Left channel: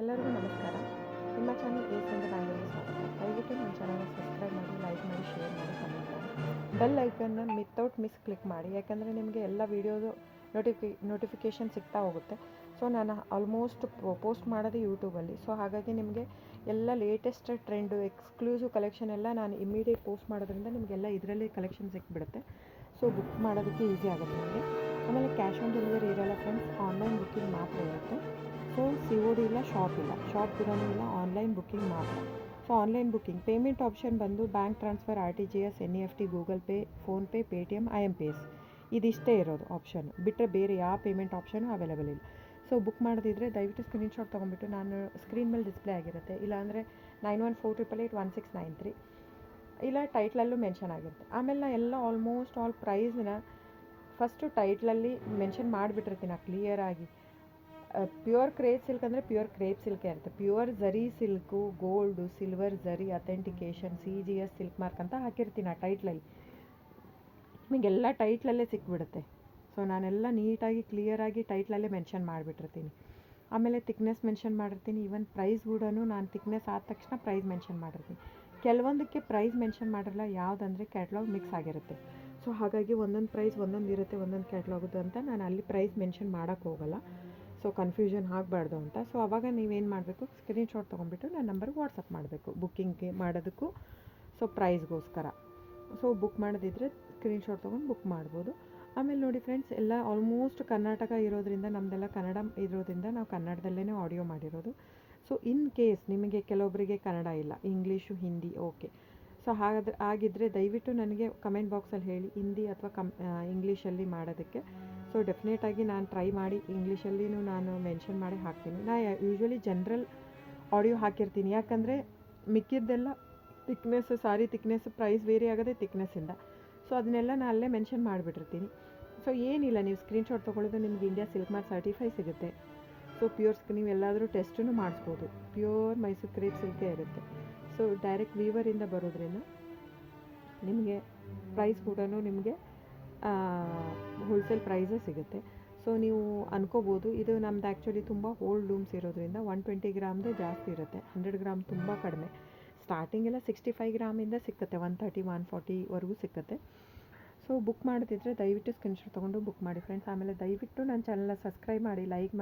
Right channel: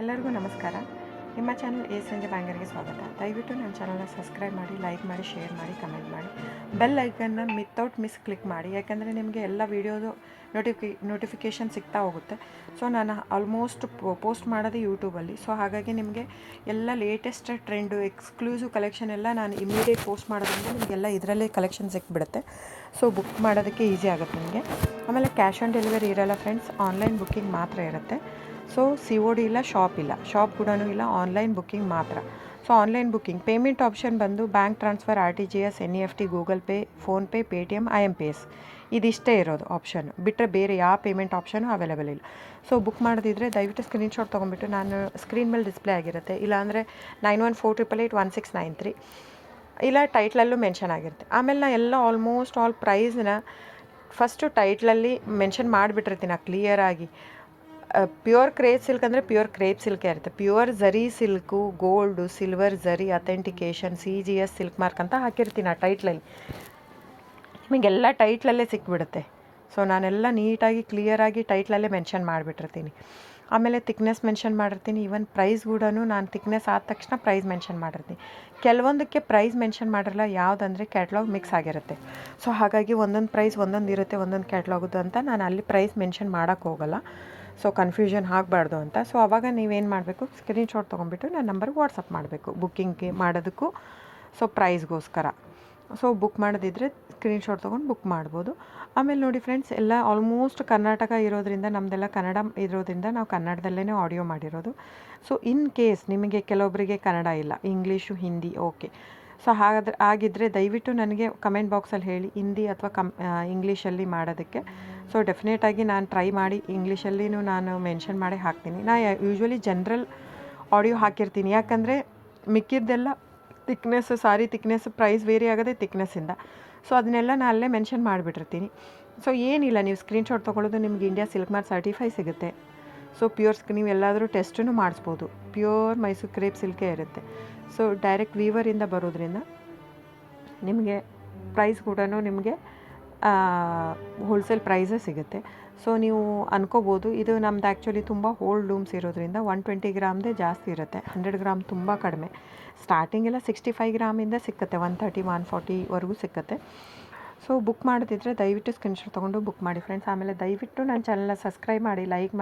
ಎಲ್ಲರಿಗೂ ನಮಸ್ಕಾರ. ನಿಮ್ಮ ಚಾನಲ್ ಎ ಸಂಜೆ ಬ್ಯಾಂಗರ್ಗೆ ಸ್ವಾಗತ. ದಯವಿಟ್ಟು ನನ್ನ ಚಾನಲ್ನ ಸಬ್ಸ್ಕ್ರೈಬ್ ಮಾಡಿ, ಲೈಕ್ ಮಾಡಿ, ಶೇರ್ ಮಾಡಿ, ಕಮೆಂಟ್ ಮಾಡಿ, ಬೆಲ್ ಐಕನ್ನ ವಿತೌಟ್ ಮಿಸ್ ಕ್ಲಿಕ್ ಮಾಡಿ. ಯಾಕೆಂದರೆ ನಿಮಗೆ ಎಲ್ಲ ವೀಡಿಯೋದು ನೋಟಿಫಿಕೇಷನ್ ಸಿಗ್ತಾ ಹೋಗುತ್ತೆ. ಸೊ ನಾನು ಆಲ್ಮೋಸ್ಟ್ ಪೋಸ್ಟ್ ಮಾಡೋದು ಯೂಟ್ಯೂಬಲ್ಲಿ. ಸೊ ಹಾಗಾಗಿ ನಿಮಗೆ ಎಲ್ಲ ಲೇಟೆಸ್ಟ್ ಟ್ರೆಂಡು, ಎಕ್ಸ್ಕ್ಲೂಸಿವ್ ಕಲೆಕ್ಷನ್ ಎಲ್ಲ ನಾನು ಇಮಿಡಿಯೇಟ್ ಪೋಸ್ಟ್ ಮಾಡೋದ್ರಿಂದ ನಿಮಗೆಲ್ಲ ಇದರಲ್ಲೇ ಕಲೆಕ್ಷನ್ ಸಿಕ್ಬಿಡುತ್ತೆ. ಸೊ ಬುಕ್ ಮಾಡೋದಕ್ಕೆ ಈಸಿ ಆಗುತ್ತೆ ನಿಮಗೆ. ಆಮೇಲೆ ಕ್ಯಾಶ್ ಆನ್ ಡೆಲಿವರಿ ಇರೋಲ್ಲ ಫ್ರೆಂಡ್ಸ್, ಆನ್ಲೈನ್ ಬುಕ್ಕಿಂಗ್ ಮಾತ್ರ ಇರುತ್ತೆ. ಸೊ COD ಇಲ್ಲ, ಶಾಪ್ ಕೂಡ ಇಲ್ಲ, ಆನ್ಲೈನ್ ಬುಕ್ಕಿಂಗ್ ಮಾತ್ರ. So online booking payment option ಬಂದು bank transfer, RTGS, NEFT, Google Pay, PhonePe, Paytm, IMPS ಇದಿಷ್ಟೇ ಇರೋದು ಆಪ್ಷನ್. ಬಿಟ್ಟರೆ ಬೇರೆ ಯಾವ ಪೇಮೆಂಟ್ ಆಪ್ಷನು ಅವೈಲೇಬಲ್ ಇಲ್ಲ. ಸೊ ಬುಕ್ ಮಾಡೋದಿದ್ರೆ ದಯವಿಟ್ಟು ಸ್ಕ್ರೀನ್ಶಾಟ್ ತೊಗೊಂಬಿಟ್ಟು ನಾನು ಸ್ಕ್ರೀನ್ ಮೇಲೆ ಡಿಸ್ಪ್ಲೇ ಆಗಿರುತ್ತೆ, ಇಲ್ಲಾಂದರೆ 9148881693 ಇಲ್ಲ ಟೈಟ್ಲಲ್ಲೂ ಮೆನ್ಷನ್ ಆಗಿರುತ್ತೆ. ಆಮೇಲೆ ನಾನು ಎಲ್ಲ ಆಲ್ಮೋಸ್ಟ್ ಆಲ್ ಪ್ರೈಸ್ನ ಫಸ್ಟು ಟೈಟ್ಲಲ್ಲಿ ಮೆನ್ಷನ್ ಮಾಡಿಬಿಟ್ಟಿರ್ತೀನಿ ಕ್ಲಿಯರಾಗಿ. ಪ್ಯೂರ್ ಕ್ರೇಪ್ ಸಿಲ್ಕ್ ಅಂದರೆ ಪ್ಯೂರ್ ಕ್ರೇಪ್ ಸಿಲ್ಕೇ ಇರುತ್ತೆ. ಪ್ಯೂರ್ ಝರಿ ಸಿಲ್ಕು, ಗೋಲ್ಡು, ಸಿಲ್ವರ್ ಝರಿ, ಅಥೆಂಟಿಕೇಷನ್, CGS ಸಿಲ್ಕ್ ಮಾರ್ಕ್ ಅಂತ ಹಾಕಿರ್ತೀನಿ ಆ ಟೈಟ್ಲಲ್ಲಿ. ನಿಮಗೆಲ್ಲ ಟೈಟ್ಲಲ್ಲೇ ಸಿಕ್ಬಿಡುತ್ತೆ. ಸೊ ನಾನೆಲ್ಲ ನೀಟಾಗಿ ಕ್ಲಿಯರಾಗಿ ಟೈಟ್ಲಲ್ಲೇ ಮೆನ್ಷನ್ ಮಾಡಿಬಿಟ್ಟಿರ್ತೀನಿ. ಆಮೇಲೆ ತಿಕ್ನೆಸ್ ಮೆನ್ಷನ್ ಮಾಡಿರ್ತೀನಿ. ಈವನ್ ಪ್ರೈಸ್ ಕೂಡ ನಾನು ತಿಕ್ನೆಸ್ ಆದ ತಕ್ಷಣ ಪ್ರೈಸ್ ಮೆನ್ಷನ್ ಮಾಡಿರ್ತೀನಿ. ಕೆಲವೊಂದಕ್ಕೆ ಪ್ರೈಸ್ ಮೆನ್ಷನ್ ಮಾಡಿರಲ್ಲ, ಯಾವುದಂದರೆ ಕ್ಯಾಟ್ಲಾಗ್ ಮಿಕ್ಸ್ ಆಗಿರುತ್ತೆ. ಸೊ ಹಾಗಾಗಿ ಒಂದೊಂದು ಪ್ರೈಸ್ ಒಂದೊಂದು ಇರುತ್ತೆ, ಒಂದೊಂದು ಕ್ಯಾಟ್ಲಾಗದು ಅಂತ ನಾನು ಅಲ್ಲಿ ಪ್ರೈಸ್ ಮೆನ್ಷನ್ ಮಾಡೋಕ್ಕೆ ಹೋಗಲ್ಲ. ಸೊ ಕನ್ಫ್ಯೂಷನ್ ಆಗಬಾರ್ದು ಅಂತ. ಸೊ ಆವಾಗ ನೀವೇನು ಮಾಡಬೇಕು, ಸ್ಕ್ರೀನ್ಶಾಟ್ ತೊಗೊಂಬಿಟ್ಟು ನನ್ನ ನಂಬರ್ಗೆ ವಾಟ್ಸಪ್ ಮಾಡಬೇಕು ಬುಕ್ಕಿಂಗ್ಗೆ ಮಾಡೋದಕ್ಕೂ, ಸೊ ಪ್ರೈಸ್ಗೋಸ್ಕರ. ಸೊ ಬುಕ್ ಮಾಡೋದಿದ್ರೆ ಸ್ಕ್ರೀನ್ಶಾಟ್ ತೊಗೊಂಡು ಬುಕ್ ಮಾಡ್ಬೋದು. ಆಮೇಲೆ ನೋಡಿ ಫ್ರೆಂಡ್ಸ್, ಎಲ್ಲ ಆಲ್ಮೋಸ್ಟ್ ಕರ್ನಾಟಕ ಇರೋದ್ರಿಂದ, ನಮ್ಮದೆಲ್ಲ ಕನ್ನಡ ಇರೋದ್ರಿಂದ ನಾವು ಕನ್ನಡದಲ್ಲೇ ಆಡಿಯೋ ಮಾಡಿರೋದು. ಸೊ ಇನ್ ಕೇಸ್ ನಿಮಗೆ ಕೆಲವೊಬ್ಬರಿಗೆ ಕನ್ನಡ ಇಲ್ಲ, ಇಂಗ್ಲೀಷು, ಹಿಂದಿ, ಓಕೆ. ಸೊ ಆಗಿದ್ದರೆ ದಯವಿಟ್ಟು ನನಗೆ ಕಮೆಂಟ್ ಬಾಕ್ಸಲ್ಲಿ ಹೇಳಿ, ಹಿಂದಿ ಅಥವಾ ಇಂಗ್ಲೀಷಲ್ಲಿ ಮಾಡೋದಕ್ಕೆ. ಸೊ ಡೆಫಿನೆಟಾಗಿ ನಾನು ಟ್ರೈ ಮಾಡಿ ಇಂಗ್ಲೀಷಲ್ಲಿನೂ ನಾನು ಮೆನ್ಷನ್ ಮಾಡಿ ಹಾಕ್ತೀನಿ. ನಾನು ಯೂಶ್ವಲಿ ಜನರಲ್ ಆಡಿಯೋ ಹಾಕಿರ್ತೀನಿ, ಯಾಕಂದರೆ ಮಿಕ್ಕಿದ್ದೆಲ್ಲ ತಿಕ್ನೆಸ್ಸು, ಸಾರಿ ತಿಕ್ನೆಸ್ಸು ಪ್ರೈಸ್ ವೇರಿ ಆಗೋದೇ ತಿಕ್ನೆಸ್ಸಿಂದ. ಸೊ ಅದನ್ನೆಲ್ಲ ನಾನು ಅಲ್ಲೇ ಮೆನ್ಷನ್ ಮಾಡಿಬಿಟ್ಟಿರ್ತೀನಿ. ಸೊ ಏನಿಲ್ಲ, ನೀವು ಸ್ಕ್ರೀನ್ಶಾಟ್ ತೊಗೊಳ್ಳೋದು, ನಿಮ್ಗೆ ಇಂಡಿಯಾ ಸಿಲ್ಕ್ ಮಾರ್ಕ್ ಸರ್ಟಿಫೈ ಸಿಗುತ್ತೆ. ಸೊ ನೀವು ಎಲ್ಲಾದರೂ ಟೆಸ್ಟೂ ಮಾಡಿಸ್ಬೋದು. ಪ್ಯೂರ್ ಮೈಸೂರು ಕ್ರೇಪ್ ಸಿಲ್ಕೇ ಇರುತ್ತೆ. ಸೊ ಡೈರೆಕ್ಟ್ ವೀವರಿಂದ ಬರೋದ್ರಿಂದ ನಿಮಗೆ ಪ್ರೈಸ್ ಕೂಡ ನಿಮಗೆ ಹೋಲ್ಸೇಲ್ ಪ್ರೈಸೇ ಸಿಗುತ್ತೆ. ಸೊ ನೀವು ಅನ್ಕೋಬೋದು, ಇದು ನಮ್ದು ಆ್ಯಕ್ಚುಲಿ ತುಂಬ ಹೋಲ್ಡ್ ಲೂಮ್ಸ್ ಇರೋದ್ರಿಂದ 120 ಗ್ರಾಮ್ದೇ ಜಾಸ್ತಿ ಇರುತ್ತೆ, 100 ಗ್ರಾಮ್ ತುಂಬ ಕಡಿಮೆ. ಸ್ಟಾರ್ಟಿಂಗೆಲ್ಲ 65 ಗ್ರಾಮಿಂದ ಸಿಕ್ಕತ್ತೆ, 130, 140ವರೆಗೂ ಸಿಕ್ಕತ್ತೆ. ಸೊ ಬುಕ್ ಮಾಡೋದಿದ್ರೆ ದಯವಿಟ್ಟು ಸ್ಕ್ರೀನ್ಶಾಟ್ ತೊಗೊಂಡು ಬುಕ್ ಮಾಡಿ ಫ್ರೆಂಡ್ಸ್. ಆಮೇಲೆ ದಯವಿಟ್ಟು ನನ್ನ ಚಾನಲ್ನ ಸಬ್ಸ್ಕ್ರೈಬ್ ಮಾಡಿ, ಲೈಕ್ ಮಾಡಿ.